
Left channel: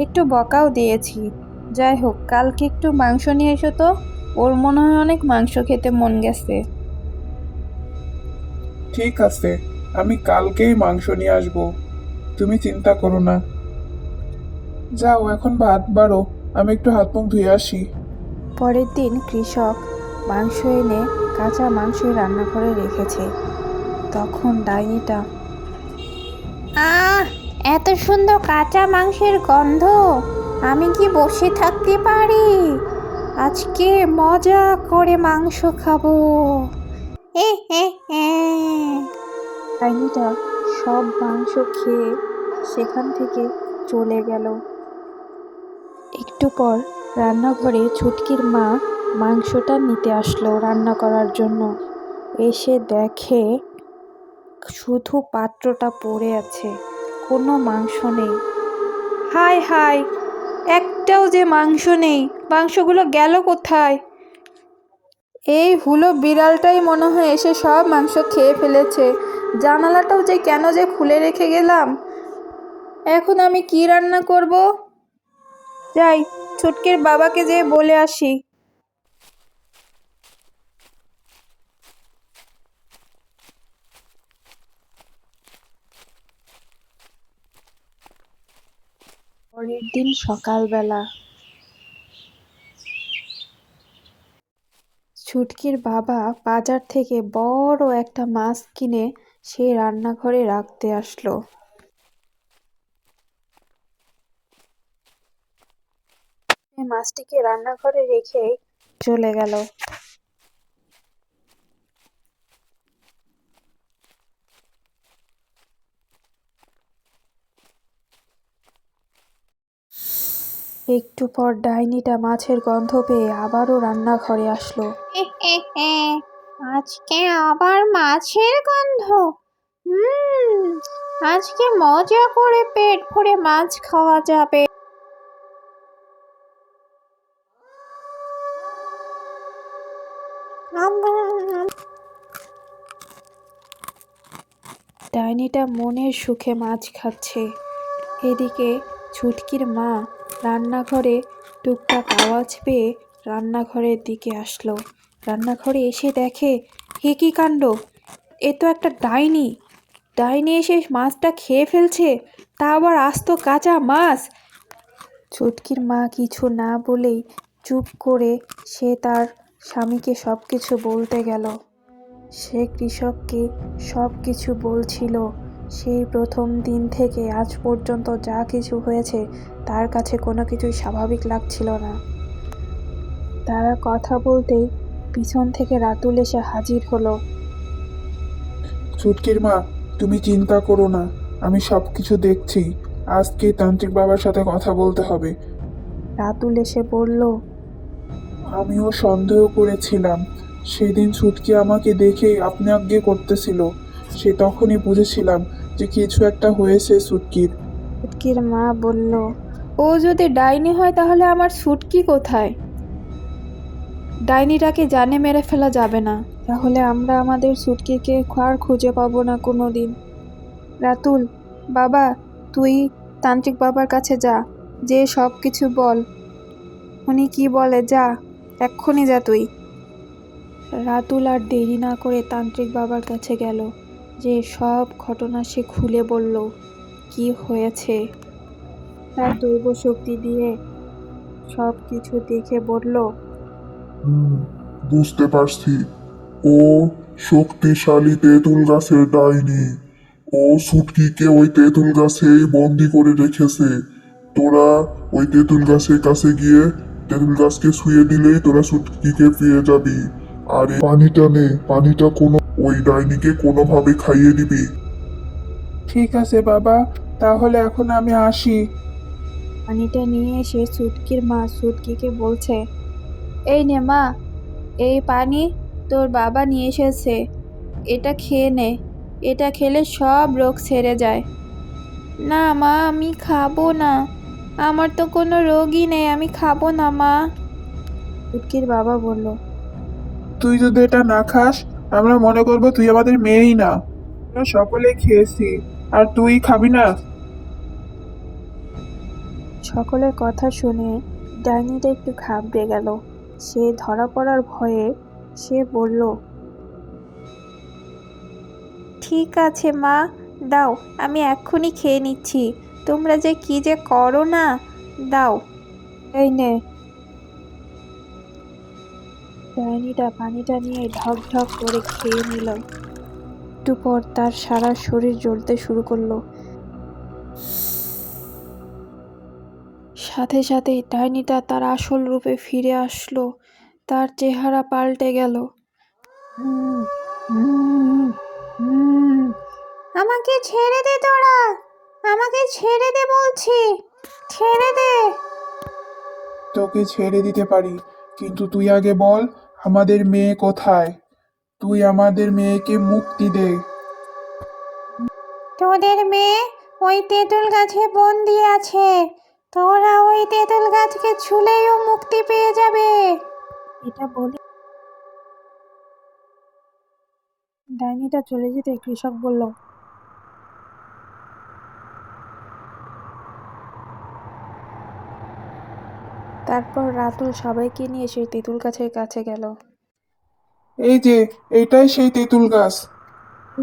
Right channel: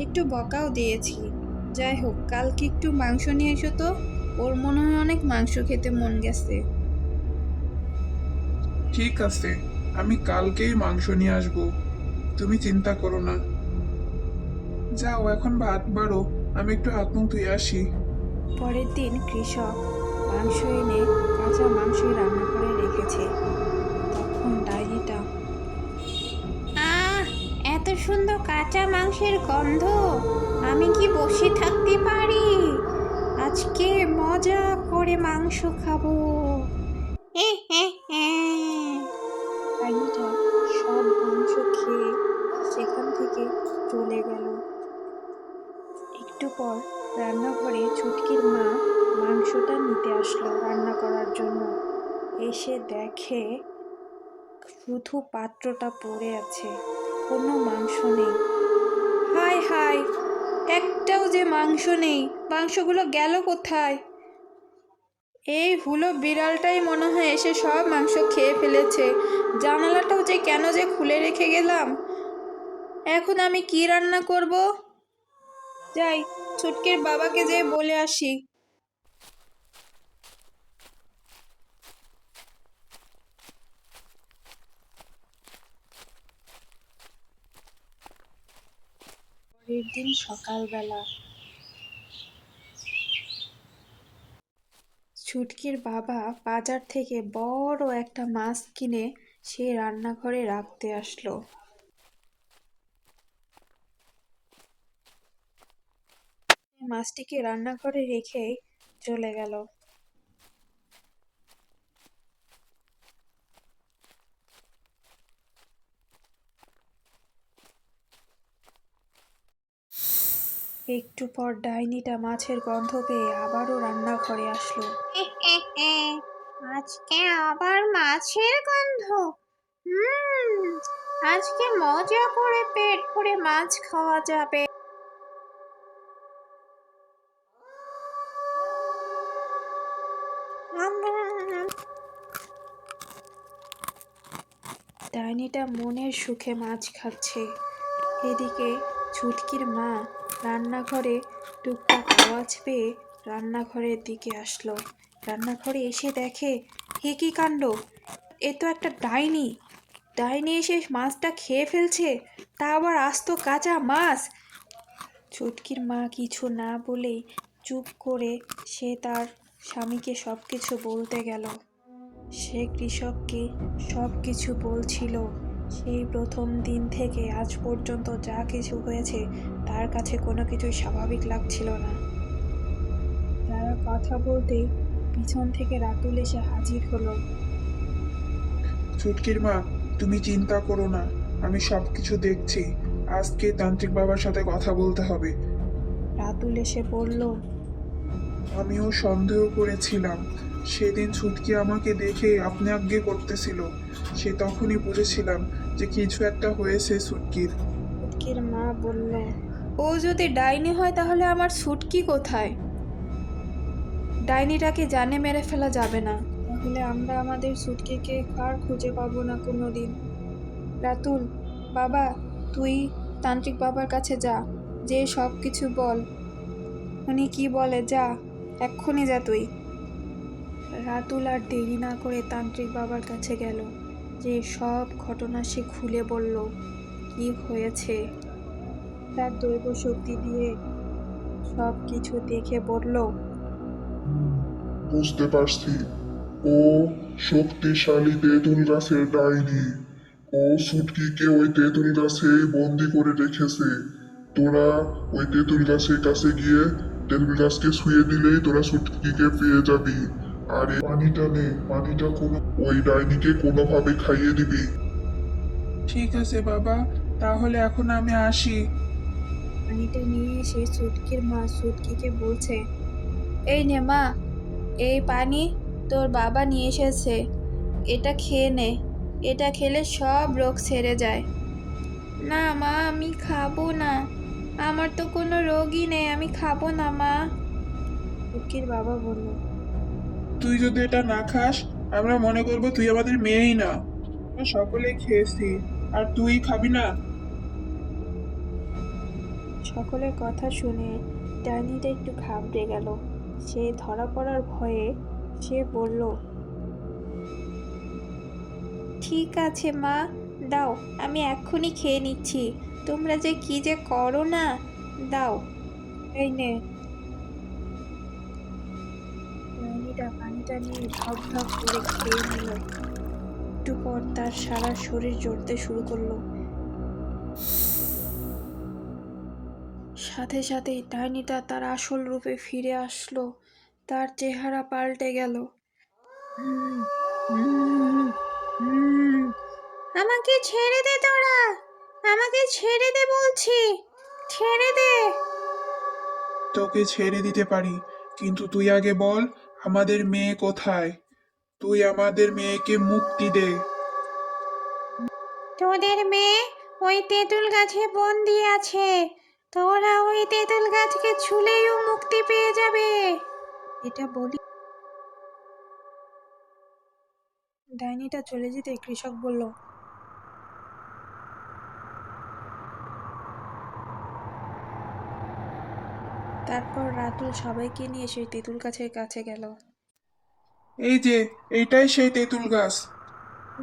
একটু বকাও দিয়েছি। যাই হোক, কালকে একটু মাংস নিয়ে এসো তো, ওর মনে হয় অনেক মাংস খেতে মন গেছে। ঠিক আছে, আমি কালকেই মাংস নিয়ে আসবো, তুমি চিন্তা করো না। যাও এখন ভাত বাড়ো, আমি একটু হাত মুখ ধুয়ে আসি। পরের দিন কৃষক মাংস এনে কাঁচা মাংস রান্নাঘরে রেখেছে। তখন ডাইনিটা, আহ, এত সুন্দর কাঁচা মাংসের গন্ধ, আমি কি বসে থাকতে পারি? আজকে মজা করে মাংস খাবো। এ হে হে। ডাইনিটা সব মাংস খেয়ে সেখান থেকে চলে গেল। একটু পর রান্নাঘরে ছুটকির মা মাংসটা নিতে আসলো রান্না করার জন্য। এসে দেখে শুধু পাত্রটা পড়ে আছে, কোনো মাংস নেই। হায় হায়, একটাও যে মাংস নেই, মাংসগুলো গেল কোথায়? এই হুলো বিড়ালটাই মনে হয় এসে সব মাংস খেয়ে ফেলেছে। জানালাটাও যে কেন যে খুলে রেখে গেলাম। এখন আমি কি রান্না করব? যাই, ছুটকির বাবাকে যেয়ে বলে আসি। পরের দিন সকালবেলা ছুটকির বাবা বাজার থেকে বড় একটা মাছ কিনে সেই রান্নাঘরে রাখতে আসলো। সে মাছটিকে রান্নাঘরে রেখে চলে গেল। একটু পর ডাইনিটা মাছের গন্ধ পেয়ে আবারও রান্নাঘরে আসলো। আজকে আবার মাছের গন্ধ। হুম, আজকে মজা করে পেট ভরে মাছ খাওয়া যাবে। ডাইনিটা মনের সুখে মাছ খাচ্ছে। এদিকে ছুটকির মা রান্নাঘরে টুকটাক আওয়াজ পেয়ে রান্নাঘরের দিকে আসলো। রান্নাঘরে এসে দেখে, হে কি কাণ্ড, এ তো একটা ডাইনি। ডাইনি এসে মাছটা খেয়ে ফেলছে, তা আবার আস্ত কাঁচা মাছ। ছুটকির মা কিছু না বলেই চুপ করে সে তার স্বামীকে সব কিছু বলতে গেল। সে কৃষককে সব কিছু বলছিল। সেই প্রথম দিন থেকে আজ পর্যন্ত যা কিছু হয়েছে তার কাছে কোনো কিছুই স্বাভাবিক লাগছিল না। তারা কথা বলতেই পিছন থেকে রাতুল এসে হাজির হলো। ছুটকির মা, তুমি চিন্তা করো না, আমি সবকিছু দেখছি। আজকে তান্ত্রিক বাবার সাথে কথা বলতে হবে। রাতুল এসে বলল, আমিও সন্দেহ করেছিলাম, সেদিন ছুটকি আমাকে দেখে আপনি আজ্ঞে করতেছিল। সে তখনই বুঝেছিলাম যে কিছু একটা হয়েছে ছুটকির। ছুটকির মা বলল, ও যদি ডাইনি হয় তাহলে আমার ছুটকি কোথায়? ডাইনিটাকে জানে মেরে ফেলা যাবে না, তাহলে আমরা আমাদের ছুটকিকে আর খুঁজে পাবো না কোনো দিন। রাতুল, বাবা, তুই তান্ত্রিক বাবার কাছে যা, যে সব কিছু বল। উনি কি বলে, যা, এক্ষুনি যা তুই। রাতুল আর দেরি না করে তান্ত্রিক বাবার কাছে গেল। যে সব ঘটনা সে খুলে বলল, কি হয়েছে। তার দৈব শক্তি দিয়ে সব কিছু দেখে বলল, হুম, বুঝতে পারছি। ও শক্তিশালী তেঁতুল গাছের ডাইনি। ও ছুটকিকে ওই তেঁতুল গাছেই বন্দি করে রেখেছে। তোরা ওই তেঁতুল গাছের কাছে গিয়ে তেঁতুল গাছকে ছুঁয়ে দিলেই তোরা ছুটকিকে পেয়ে যাবি। আর এই পানিটা নে, পানিটা কোনো ওই ডাইনিকে কোনোভাবে খাইয়ে দিবি। ঠিক আছে বাবা, তাহলে এখন আমি আসি। পানিটা নিয়ে এসে সুটকির মা সুটকিকে বলছে, এই নে মা, এই পানি তোর বাবা নিয়ে এসেছে, এটা খেয়ে নে, এটা খেলে সব রোগ সেরে যায়। না মা, আমি খাবো না, আমার তো কোনো রোগই নেই, আমি খাবো না মা। সুটকির বাবা বলল, তুই যদি এটা না খাস, আমরা মনে করবো তুই আমাদের মেয়েই না। আমরা সকলে খেয়েছি, আর তুই খাবি না? সকলের কথা শুনে ডাইনিটা একটু ঘাবড়ে গেল। সে ধরা পড়ার ভয়ে সে বলল, ঠিক আছে মা, দাও, আমি এক্ষুনি খেয়ে নিচ্ছি। তোমরা যে কি যে করো না, দাও, এই নে। ডাইনিটা পানিটা নিয়ে ঢক ঢক করে খেয়ে নিল। একটু পর তার সারা শরীর জ্বলতে শুরু করলো। সাথে সাথেই ডাইনিটা তার আসল রূপে ফিরে আসলো। তার চেহারা পাল্টে গেল। হুম, হুম, হুম। আমাকে ছেড়ে দে তোরা, আমাকে ছেড়ে দে বলছি, ছেড়ে দে। তোকে ছেড়ে দিতে পারি, কিন্তু তুই আগে বল, আমাদের মেয়ে কোথায়? তুই আমাদের মেয়েকে মুক্তি দে। তোদের মেয়ে ওই তেঁতুল গাছে বন্দি আছে। তোরা ওই তেঁতুল গাছকে ছুলেও মুক্তি পেয়ে যাবে। এটা বলি ডাইনিটা চলে যেতে কৃষক বলল, তারপর রাতুল সবাইকে নিয়ে সেই তেঁতুল গাছের কাছে গেল। এই যে, এইটাই সেই তেঁতুল গাছ।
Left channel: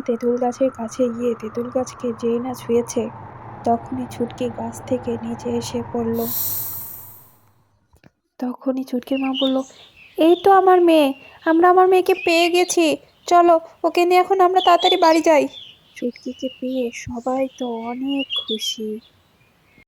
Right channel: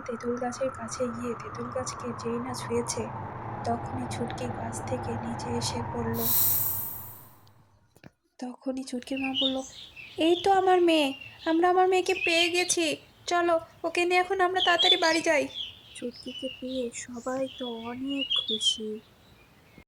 তেঁতুল গাছের কাছে গিয়ে তেঁতুল গাছকে যেই না ছুঁয়েছে, তখনই ছুটকি গাছ থেকে নিচে এসে পড়ল। তখনই ছুটকির মা বলল, এই তো আমার মেয়ে, আমরা আমার মেয়েকে পেয়ে গেছি, চলো ওকে নিয়ে এখন আমরা তাড়াতাড়ি বাড়ি যাই। ছুটকিকে পেয়ে সবাই তো অনেক খুশি।